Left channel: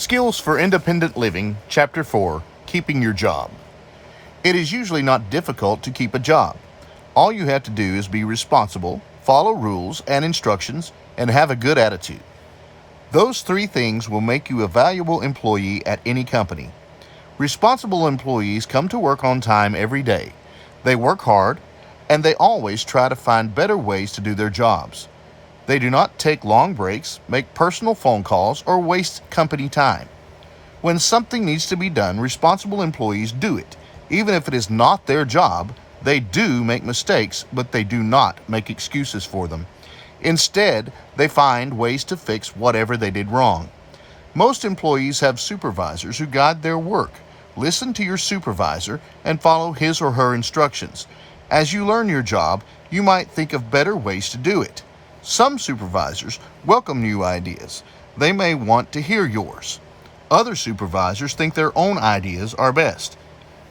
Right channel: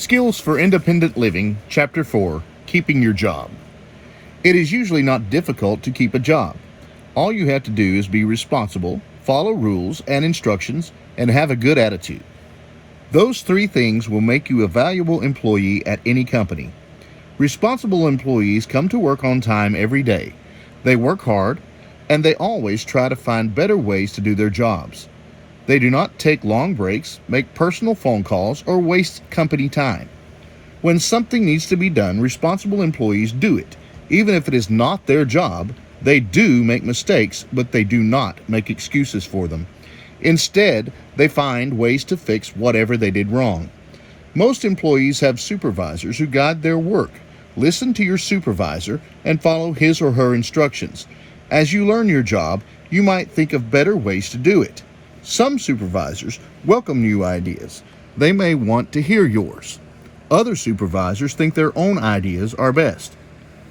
Skills for Independent Living, Chapter 4, Keeping Your Job. It is usually not difficult to keep a job. All you have to do is be responsible, follow rules and instructions, and have a good attitude. Those three things will make you a valuable employee at any company. Responsible employees come to work on time every day. They work hard, and they always try to find better ways to do their jobs. They do not take long breaks, make personal phone calls, or waste company time. When something needs to be done, responsible employees do it. Even if it is not their job, they do make mistakes, but they do not make excuses for them. Instead, they find ways to fix whatever they did wrong. Most employees have supervisors who guide their work. Listen to your supervisor and follow his or her instructions. As you learn your job, you might think of better ways to do it. Some supervisors welcome new ideas. They may want to hear yours. Other supervisors think their own ideas are best.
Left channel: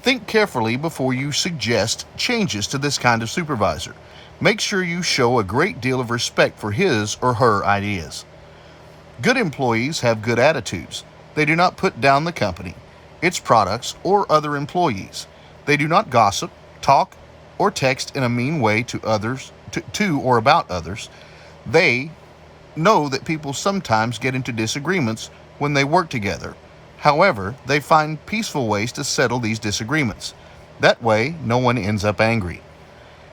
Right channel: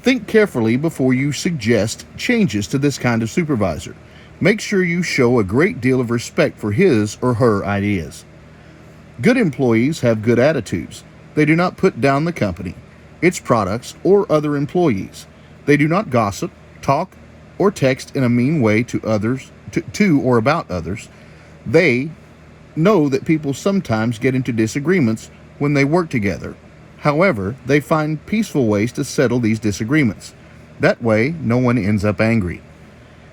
Think carefully before you suggest changes to this kind of supervisor. Make sure you show a great deal of respect for his or her ideas. Good employees have good attitudes. They do not put down the company, its products, or other employees. They do not gossip, talk, or text in a mean way to others, to or about others. They know that people sometimes get into disagreements when they work together. However, they find peaceful ways to settle these disagreements. That way, no one ends up angry.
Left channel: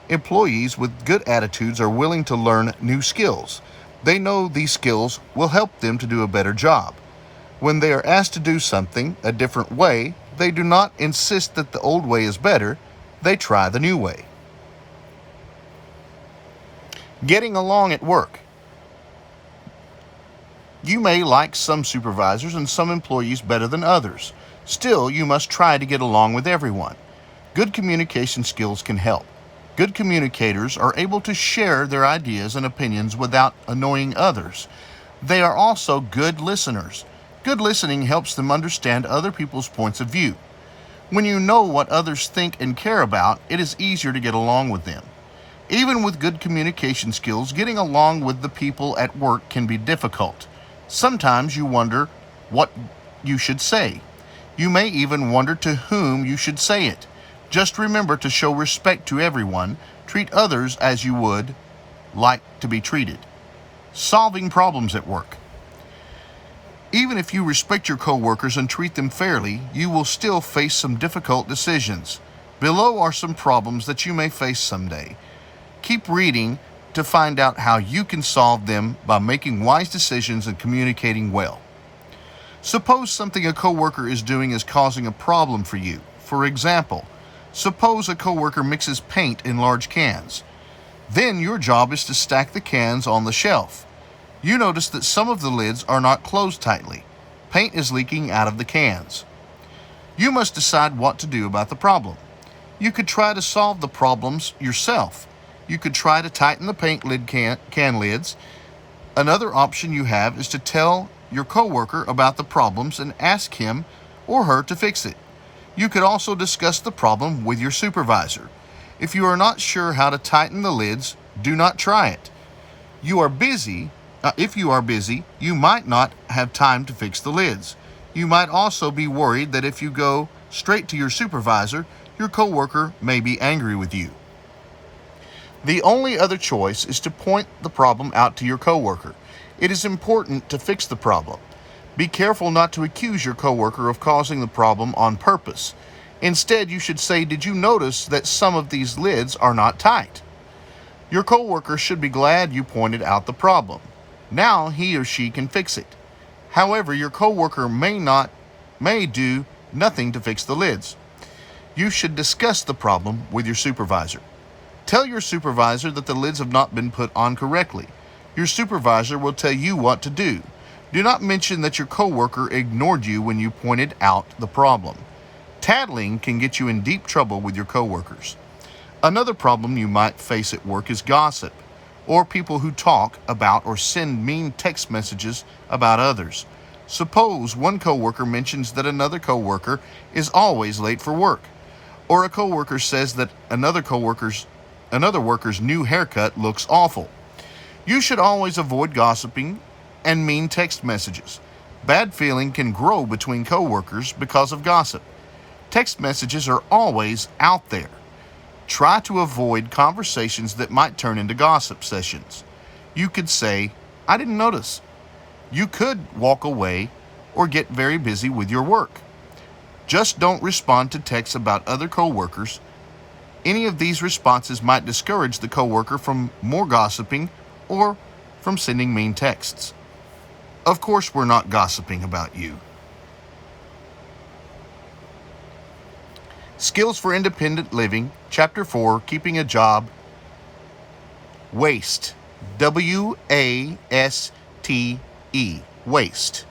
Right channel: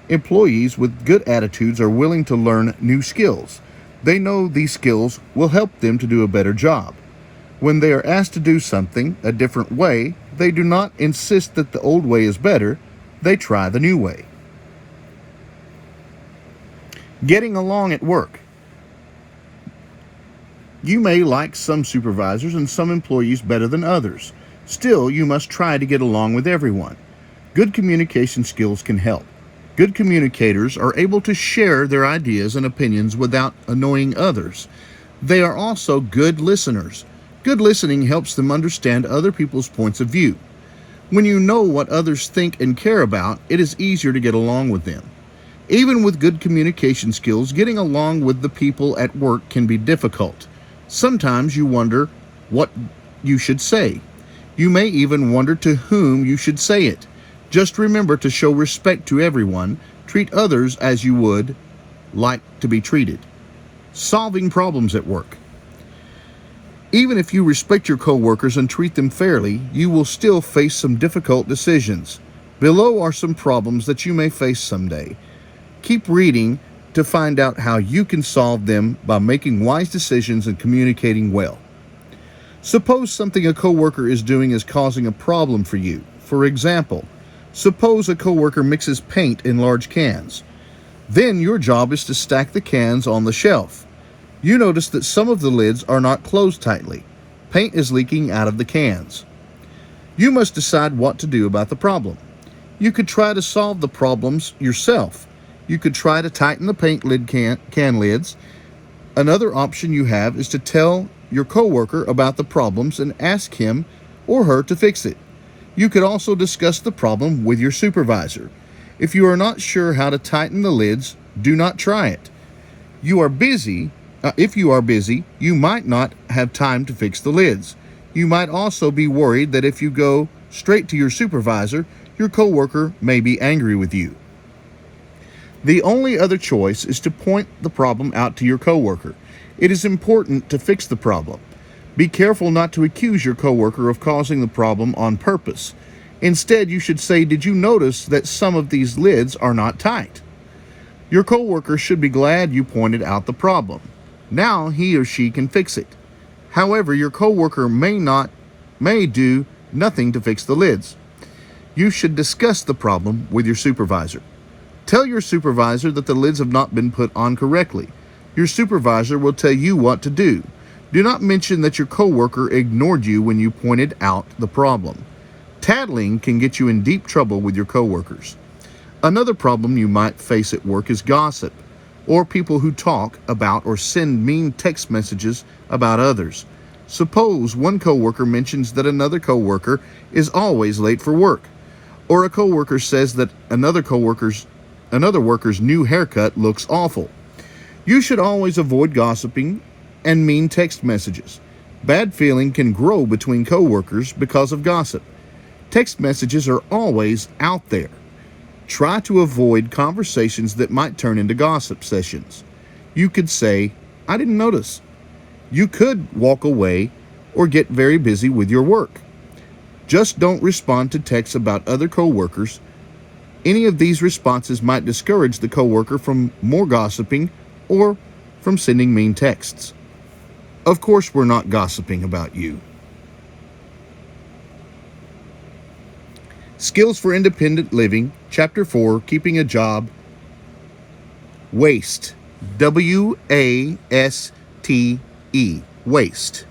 Employees with good attitudes are willing to learn new skills. They know these skills will help them to do a better job. When they are asked to do something a different way, they do not insist that the old way is better. They try the new way. Getting along at work. You may like some supervisors and some employees better than others. Still, you must try to get along with everyone. Good communication skills can help. Good communicators are able to share their ideas and opinions without annoying others. They are also good listeners. Good listening helps them understand other people's points of view. When you know what others think and care about, it is easier to get along with them. Even with good communication skills, getting along with the people at work can be difficult. Sometimes you wonder what you should say. You may even wonder to whom you should say it. Just remember to show respect to everyone. Treat others as you would like to be treated. Solving problems at work. Even if you respect your coworkers and treat them fairly, you will still face some difficult decisions. Below are some problems that you may face someday. Keep reading to find out how you can solve them by making wise decisions and communicating well. Suppose something a coworker is doing is causing a problem for you. For example, suppose a coworker mixes paint in large cans. Then your job is to stack the cans on the shelf. You notice that some of the lids are not closed tightly. Paint is leaking out of the cans. You must decide what to do about the problem. You could try to solve the problems yourself. You could try to tighten the paint lid can lids. Another option you have is to tell your coworker about the problems and ask him or her to fix it. You could also discuss the problem with your supervisor. If you are not sure how to tighten the lids, do not try it. If you are busy, you might not have time to fix the lids. You might also be worried that if you go straight to your supervisor, your coworker may be angry with you. The only other choice is to point the problem out to your coworker. It is important to fix the problem. Be careful not to accuse your coworker of causing the problem on purpose. Instead, you should say, "Did you notice that some of these lids are not tight?" Your coworker should be glad you pointed out the problem. Now he or she can fix it. However, your coworker may do nothing to fix the lids. You should discuss the problem with your supervisor. Tell your supervisor that the lids have not been put on correctly. Your supervisor will tell you what to do. Do not mention that your coworker ignored you when you pointed out the problem. Tattling can get you in deep trouble with your coworkers. Another problem you might face at work is gossip, or people who talk about or send mean text messages about others. Suppose one coworker mentions that another coworker is always late for work, or a coworker says that another worker's new haircut looks awful. You should always avoid gossiping and mean text messages. Bad feeling can grow between coworkers because of gossip. Text messages are always out there. Try to avoid conversations that might turn into gossip sessions. You could say, "I didn't notice." You could walk away or get very busy with your work. Just don't respond to texts about other coworkers. Any of these responses might discourage the coworker from more gossiping or from sending mean texts. Of course, we're not gossiping about you. Skills for Independent Living, Chapter 4, Keeping a Job. Waste. W-A-S-T-E. Waste.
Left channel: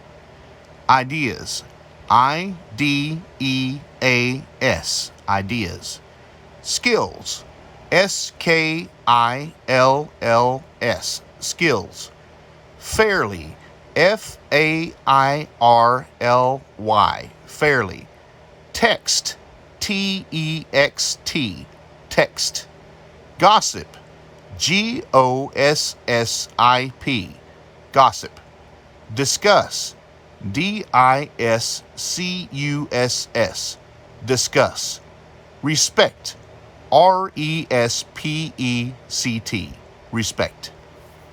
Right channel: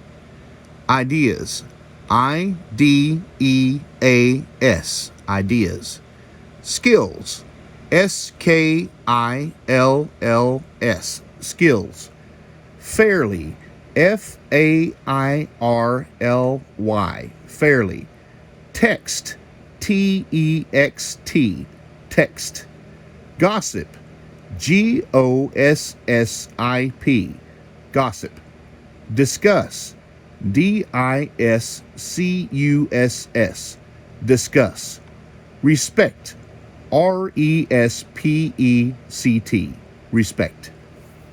Ideas. I-D-E-A-S. Ideas. Skills. S-K-I-L-L-S. Skills. Fairly. F-A-I-R-L-Y. Fairly. Text. T-E-X-T. Text. Gossip. G-O-S-S-I-P. Gossip. Discuss. D-I-S-C-U-S-S. Discuss. Respect. R-E-S-P-E-C-T. Respect.